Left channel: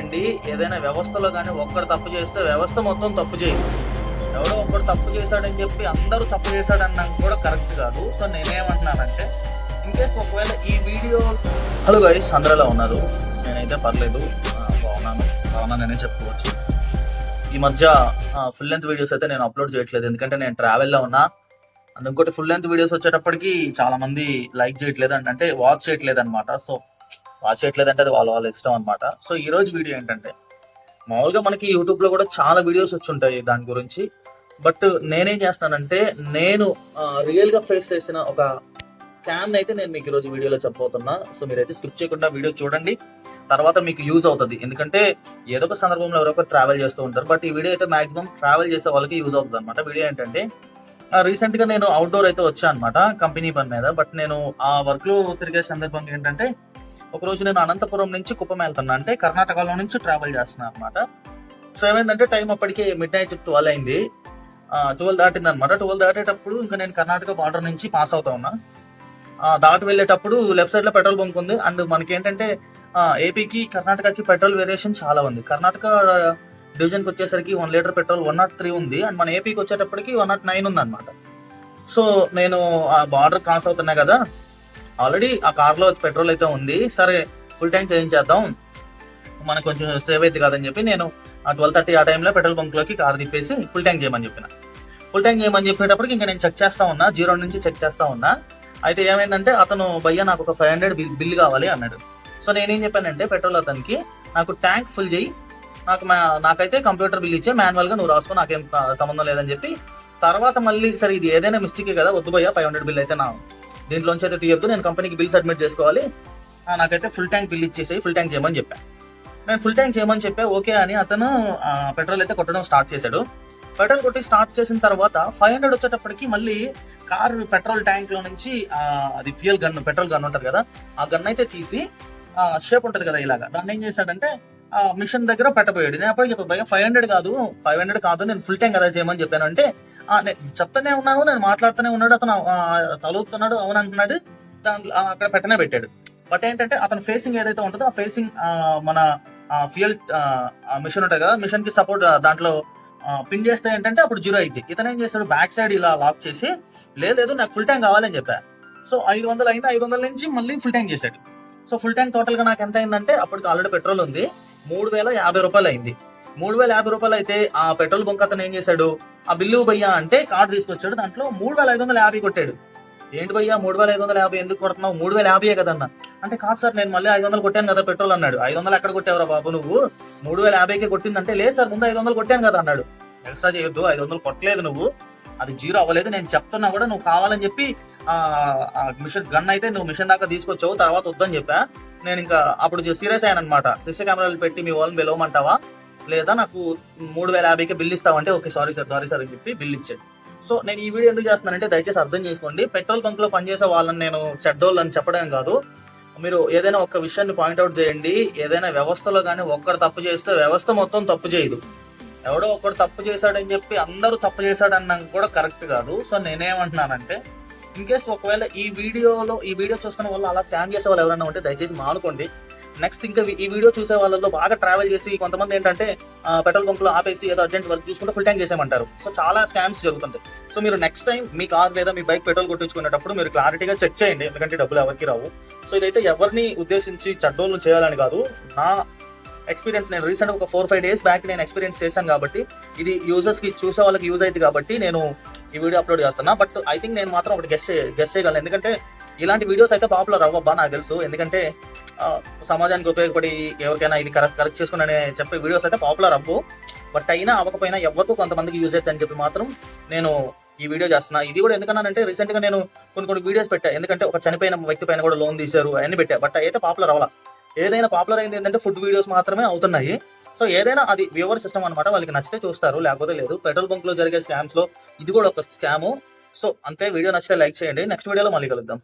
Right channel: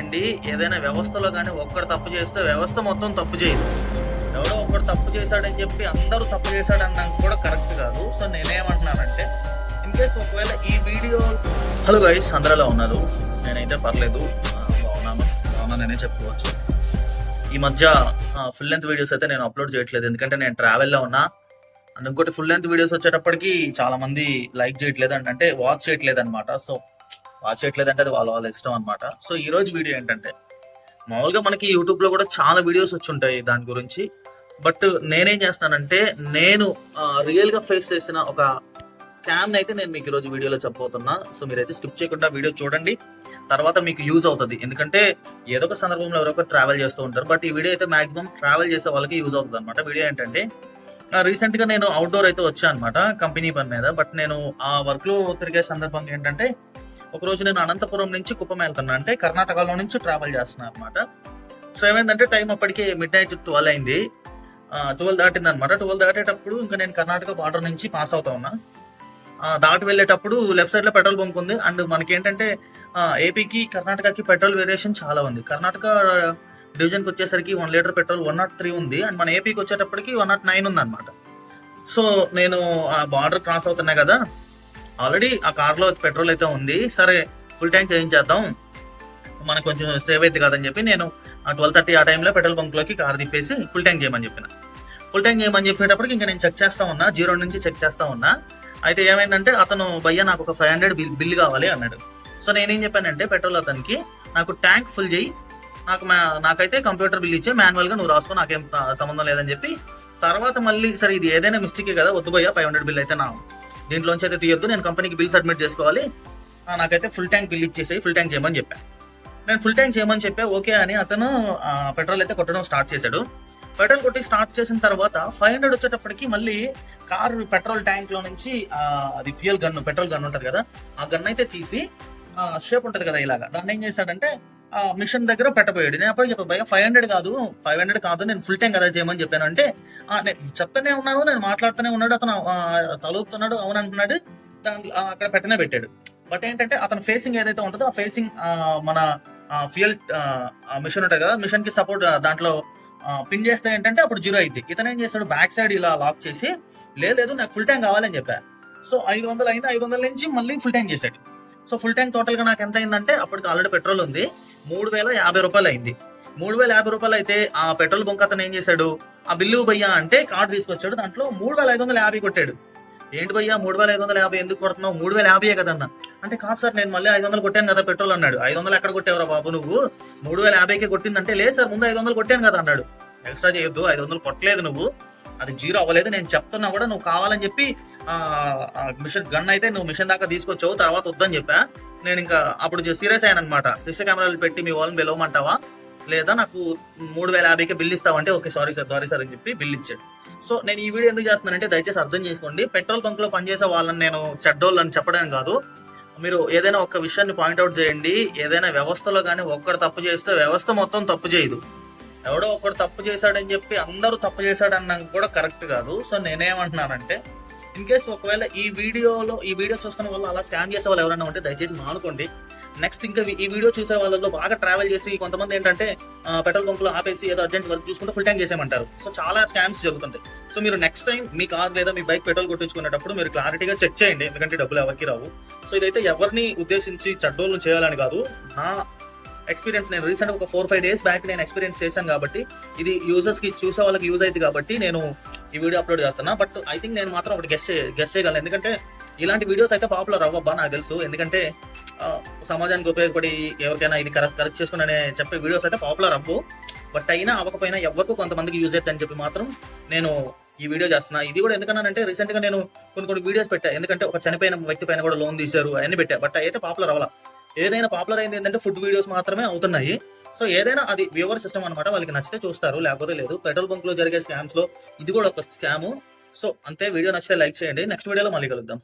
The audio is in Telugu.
అండి ఏదైనా వ్యవస్థలో కానీ ఒక్కడు తప్పు చేస్తే వ్యవస్థ మొత్తం తప్పు చేయదు. ఎవడో ఒక్కడు తప్పు చేశాడని చెప్పి అందరూ తప్పు చేశాడన్నా కూడా కరెక్ట్ కాదు. సో నేనేమంటున్నానంటే ఇన్ కేస్ ఒకవేళ ఈ వీడియో హలో గైస్ అందరిలో ఉన్నారు? నేనైతే పర్లేదు. బాగున్నాను. బాగున్నాను బాగున్నాననే చెప్పుకోవచ్చు. ఈ మధ్య ఫుల్ లెంత్ వీడియోస్ అయితే నేను అప్లోడ్ చేయట్లేదు. ఎందుకంటే నేను ట్రావెల్లో ఉన్నా. అండ్ ఇంకోటి ఫుల్ లెంత్ వీడియోస్ వచ్చేటప్పటికి చాలామంది లైక్ చేయట్లేదు. అంటే వాచ్ చేయట్లేదు అనమాట సో వాచ్ చేయట్లేదు అంటే అది వాళ్ళ వాళ్ళ ఇష్టం అనమాట సో ఈ రోజు వీడియో ఏంటంటే మామూలుగా మనకి యూట్యూబ్లో కూడా చాలా వీడియోస్ వచ్చి ఉంటాయి దాని గురించి. బట్ నేనేం చేస్తున్నానంటే నేను రియల్గా ఫేస్ చేసిన ఒక స్కామ్ అయితే నేను మీకు ఈరోజు వీడియోలో చెప్పబోతున్నా. సో మీరైతే స్కిప్ చేయకుండా వీడియో చూడండి. తర్వాత మీకు యూజ్ అవుతుంది. ఎందుకంటే ఏదో ఒక సందర్భంలో ఎవరో ట్రావెల్ చేస్తూ ఉంటారు. బట్ ఈ వీడియో అయితే మాక్సిమం ట్రావెల్ చేసే వాళ్ళకి యూజ్ అవుతుంది అనమాట వీడియో ఏంటంటే రీసెంట్గా నేను అవుట్డోర్ అయితే వచ్చాను అనమాట కంపెనీ పని మీద. బట్ నేను ఆ వర్క్లో తిరిగే సందర్భం ఏంటంటే ఒక రోజు నేను అనంతపురం నుంచి కుప్పం వెళ్తున్నా. అంటే కర్ణాటకలో నుంచి ట్రావెల్ చేస్తున్నా అనమాట సో ఏమైందంటే టైం అప్పటికి మిడ్ నైట్ ట్వెల్వ్ అయింది. ట్వెల్వ్ దాటింది అనమాట ట్వెల్వ్ దాటేటప్పుడు ఇంకా నేను కర్ణాటక బార్డర్ నుంచి పాస్ అవుతా ఉన్నా. దాటి వెళ్ళేటప్పుడు లెఫ్ట్ సైడ్లో పెట్రోల్ బంక్ ఉంది. అండ్ మనకి ఏంటంటే ఏపీకి కర్ణాటకకి పెట్రోల్ వేరియేషన్ చాలా ఉంది. కర్ణాటక డివిజన్కి వచ్చేసరికి one litre petrol one naught three ఉంది. అండ్ మన ఏపీకి వచ్చేటప్పటికి వన్ నాట్ నైన్ ఉంది అనమాట సో నేను ఆ బార్డర్ క్రాస్ అవుతున్నా కదా. ఆల్రెడీ ఆ కార్లో పెట్రోల్ అయితే ఉంది. సరే ఫుల్ ట్యాంక్ చేయించేద్దాం. మనకు కొంచెం సేవ్ అవుతుంది కదని చెప్పి నేను ట్వెల్వ్ థర్టీ ఆ టైంలో పెట్రోల్ బంక్లోకి కార్ తిప్పేసి ఫుల్ ట్యాంక్ చేయమని చెప్పిన. ఫుల్ ట్యాంక్ చేయమని చెప్పేటప్పటికి ఇంకా నేను చెక్ చేస్తా ఉన్నా జీరో నుంచి చెక్ చేస్తా ఉన్నా. అయితే ఏమైందంటే అతను భయ్య నాకు ఒక ఫైవ్ హండ్రెడ్ బిల్ బిల్ కావాలి అన్నాడు. సో నేనేం చెప్పానంటే పెట్రోల్ అతనికి నాకు ట్యాంక్ ఫుల్ చేయి. నాకు మా- నాకైతే కంప్యూటర్ బిల్ ఇచ్చే మాన్యువల్గా నువ్వు రాసుకో నాకేం సంబంధం లేదని చెప్పి తర్వాత మళ్ళీ సరే ఇది ఏదైనా మిస్టేకే కదా వద్దు భయ్య ఫైవ్ హండ్రెడ్ బిల్ అయితే నా దీంట్లోంచి అయితే తీయొద్దు. నేను కంపెనీకి బిల్ సబ్మిట్ చేసుకోవాలి. నాకైతే ఫుల్ ట్యాంక్ బిల్ ఇచ్చేసి ఫుల్ ట్యాంక్ చేయమని చెప్పాను నేను ఫుల్ ట్యాంక్ చేయమని చెప్పా ఓకే అని అతను పెట్రోల్ అయితే కొట్టడం స్టార్ట్ చేశాడు. పెట్రోల్ కొట్టి స్టార్ట్ చేసిన తర్వాత ఫైవ్ హండ్రెడ్ వచ్చేటప్పటికి మళ్ళీ కార్ పెట్రోల్ ట్యాంక్లో నుంచి అది ఫ్యూయల్ గన్ పెట్రోల్ గన్ ఉంటుంది కదా ఆ గన్ అయితే తీసి షేప్ ఉంటుంది కదా ఇలాగా. దాన్ని ఏం చేశాడంటే మిషన్ దగ్గర పెట్టబోయాడు. నేను అప్పుడు చెప్పాను భయ ఫైవ్ హండ్రెడ్ కాదు ఫైవ్ హండ్రెడ్ కాదు నేను ఫుల్ ట్యాంక్ కదా చేయమని చెప్పాను. అంటే నేను చెప్తానే ఉన్నాను నేను మాట్లాడుతూనే ఉన్నాడు అతను తలుపుతున్నాడు అవును అంటున్నాడు దాంట్లో అక్కడ పెట్టనే పెట్టాడు. బట్ ఏంటంటే అతను ఫేసింగ్ ఏదైతే ఉంటుందో ఆ ఫేసింగ్ మన ఫ్యూయల్ మిషన్ ఉంటుంది కదా మిషన్కి సపోర్ట్ దాంట్లో పిన్ చేస్తే ఏంటంటే అప్పుడు జీరో అయింది ఇతను ఏం చేస్తాడు బ్యాక్ సైడ్ ఇలా లాక్ చేసి లేదు నాకు ఫుల్ ట్యాంక్ కావాలని చెప్పా. సో ఐదు వందలు అయింది ఐదు వందల నుంచి మళ్ళీ ఫుల్ ట్యాంక్ చేశాడు. సో ఫుల్ ట్యాంక్ టోటల్గా నాకు ఎంత అయిందంటే అప్పటికి ఆల్రెడీ పెట్రోల్ ఉంది. మూడు వేల యాభై రూపాయలు అయింది మూడు వేల యాభై రూపాయలు అయితే ఆ పెట్రోల్ బంక్ అతను ఏం చేశాడు? ఆ బిల్లు భయ్యా అంటే కార్డు తీసుకొచ్చాడు. దాంట్లో మూడు వేల ఐదు వందల యాభై కొట్టాడు. ఏంటి భయ్యా మూడు వేల ఐదు వందల యాభై ఎందుకు కొడుతున్నావు? మూడు వేల యాభై కదన్నా. అంటే కాదు సార్ నేను మళ్ళీ ఐదు వందలు కొట్టాను కదా పెట్రోల్ అన్నాడు. ఐదు వందలు ఎక్కడ కొట్టావురా బాబు నువ్వు? మూడు వేల యాభైకే కొట్టిందంటే లేదు సార్ ముందు ఐదు వందలు కొట్టాను కదా అన్నాడు. ఎక్స్ట్రా చేయొద్దు ఐదు వందలు కొట్టలేదు నువ్వు. అది జీరో అవ్వలేదు. నేను చెప్తున్నా కూడా నువ్వు కావాలని చెప్పి ఆ మిషన్ గన్ అయితే నువ్వు మిషన్ దాకా తీసుకొచ్చావు తర్వాత వద్దని చెప్పా. నేను ఇంకా అప్పుడు సీరియస్ అయ్యాను అనమాట సిస్టర్ కెమెరాలు పెట్టి మీ వాళ్ళని పిలవమంటావా? లేదా నాకు మూడు వేల యాభైకి bill ఇస్తావంటే okay sorry sir sorry sir అని చెప్పి బిల్ ఇచ్చాడు. సో నేను ఈ వీడియో ఎందుకు చేస్తున్నానంటే దయచేసి అర్థం చేసుకోండి. పెట్రోల్ బంక్లో పనిచేసే వాళ్ళని నేను చెడ్డోళ్ళు అని చెప్పడం కాదు. మీరు ఏదైనా ఒక విషయాన్ని పాయింట్అవుట్ చేయండి. ఏదైనా వ్యవస్థలో కానీ ఒక్కడు తప్పు చేస్తే వ్యవస్థ మొత్తం తప్పు చేయదు. ఎవడో ఒకడు తప్పు చేశాడని చెప్పి అందరూ తప్పు చేశాడన్నా కూడా కరెక్ట్ కాదు. సో నేనేమంటున్నానంటే ఇన్ కేస్ ఒకవేళ ఈ వీడియోలో ఈ వీడియో చూస్తున్న వాళ్ళు అలా స్కామ్ చేసే వాళ్ళు ఎవరైనా ఉంటే దయచేసి మానుకోండి. నెక్స్ట్ ఇంకా ఈ వీడియో చూసే వాళ్ళలో బాగా ట్రావెల్ చేసి కొంతమంది ఏంటంటే పెట్రోల్ పంపులో ఆపేసి ఏదో అర్జెంట్ వర్క్ చూసుకుంటే ఫుల్ ట్యాంక్ చేసేయమంటారు. సో చాలా స్కామ్స్ జరుగుతుంటాయి. సో మీరు నెక్స్ట్ టైం మీ కార్ లేదా మీ బైక్ పెట్రోల్ కొట్టించుకునేటప్పుడు మీరు క్లారిటీగా చెక్ చేయండి. ఎందుకంటే డబ్బులు ఎవరికి రావు. సో ఇదైతే ఎవరిని ఉద్దేశించి చెడ్డోళ్ళు చేయాలని కాదు. నా ఎక్స్పీరియన్స్ నేను రీసెంట్ ఒక ఫోర్ ఫైవ్ డేస్ బ్యాక్ నేను ఎక్స్పీరియన్స్ చేశాను కాబట్టి ఇది యూజర్స్కి చూసే వాళ్ళకి యూజ్ అవుతుంది కాబట్టి నేను ఈ వీడియో అప్లోడ్ చేస్తున్నా. బట్ ఐ థింక్ నేను మాత్రం ఒకటి గెస్ట్ గెస్ట్ చేయగలను. ఎందుకంటే ఇలాంటి వీడియోస్ అయితే పాపులర్ అవ్వబ్బా నాకు తెలుసు. ఎందుకంటే సమాజానికి ఉపయోగపడి ఎవరికైనా ఇది కరెక్ట్ కరెక్ట్ చేసుకుని చెప్పే వీడియోస్ అయితే పాపులర్ అవ్వు. బట్ అయినా అవ్వకపోయినా ఎవరికి కొంతమందికి యూజ్ అవుతుంది అని చెప్పి మాత్రం నేను ఈ వీడియో చేస్తున్నా. ఇది కూడా ఎందుకన్నానంటే రీసెంట్గా నేను కొన్ని కొన్ని వీడియోస్ పెట్టా. ఎందుకంటే ఒక చనిపోయిన వ్యక్తి పైన కూడా లోన్ తీశారు అవన్నీ పెట్టా. బట్ అయితే పాపులర్ అవ్వాలి. ఏదైనా పాపులర్ అయింది ఏంటంటే ఫుడ్ వీడియోస్ మాత్రమే అవుతున్నాయి. సో ఏదైనా అది వ్యూవర్ సిస్టమ్ అనమాట వాళ్ళకి నచ్చితే చూస్తారు లేకపోతే లేదు. పెట్రోల్ బంక్లో జరిగే స్కామ్స్లో ఇది కూడా ఒక స్కామ్ సో అంతే. వీడియో నచ్చితే లైక్ చేయండి. నెక్స్ట్ వీడియోలో మళ్ళీ కలుద్దాం.